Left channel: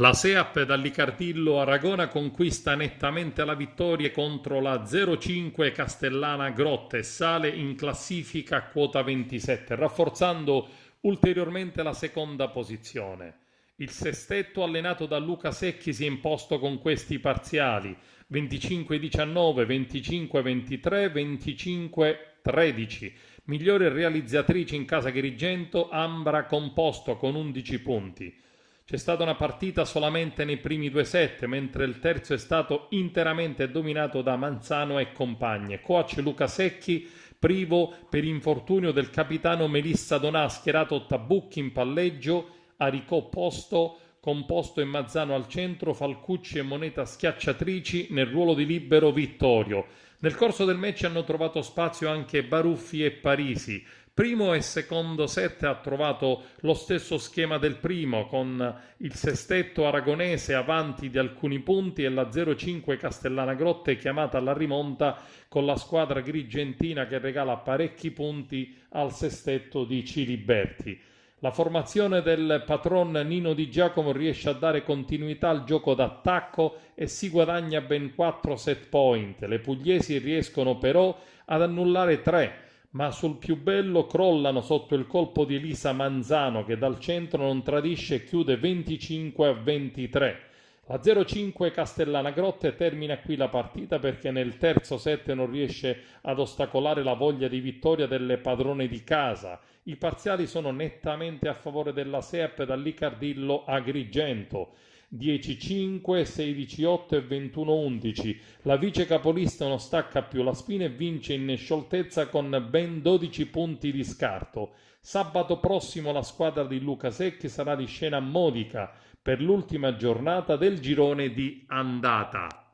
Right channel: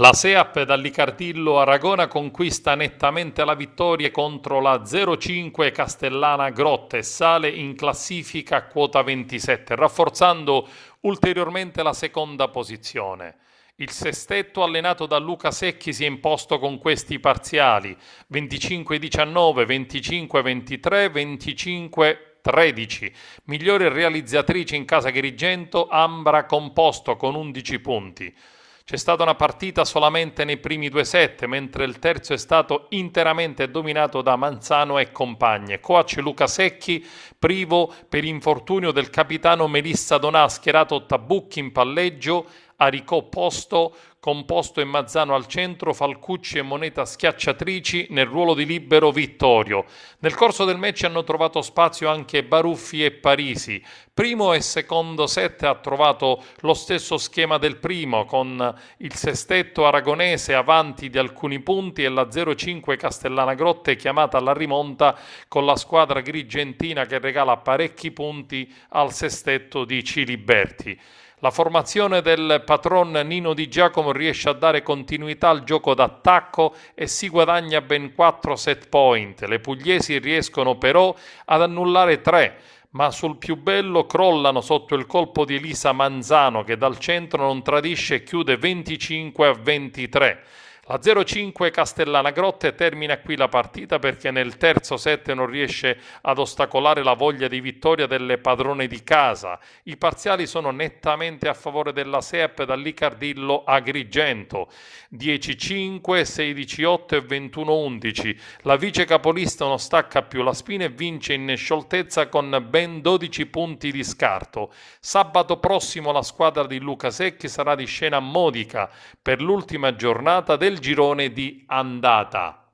La SEAP dall'Icardillo Aragona conquista nettamente la vittoria contro la 05 Castellana Grotte e sale in classifica a quota 27, rafforzando ulteriormente la seconda posizione. Il sestetto allenato da Luca Secchi si è imposto con questi parziali 25-19, 25-23, 25-13. Migliore realizzatrice in casa Agrigento Ambra Composto con 11 punti. C'è stata una partita solamente nei primi due set, mentre il terzo è stato interamente dominato da Manzano e compagne. Coach Luca Secchi, privo per infortunio del capitano Melissa Donà, schierato Tabucchi in palleggio, Aricò posto, Composto e Mazzano al centro, Falcucci e Moneta schiacciatrici nel ruolo di libero Vittorio. Nel corso del match hanno trovato spazio anche Baruffi e Parisi. Primo e secondo set ha trovato lo stesso schema del primo, con il sestetto aragonese avanti di alcuni punti e la 05 Castellana Grotte chiamata alla rimonta con la squadra grigentina che regala parecchi punti al sestetto di Ciliberti. La formazione del patron Nino Di Giacomo riesce a dare continuità al gioco d'attacco e si guadagna ben 4 set point. Le pugliesi riescono però ad annullare 3, ma sul più bello crollano sotto il colpo di Elisa Manzano che dal centro non tradisce e chiude 25-23. La 05 Castellana Grotte termina qui la partita perché nel terzo set non riesce ad ostacolare la voglia di vittoria delle padrone di casa. I parziali sono nettamente a favore della SEAP dall'Icardillo Agrigento. 10-5, 16-8 e 21-11. La vice capolista non stacca più la spina e vince in scioltezza con ben 12 punti di scarto. Sabato prossimo la squadra di Luca Secchi sarà di scena a Modica per l'ultima giornata del girone di andata.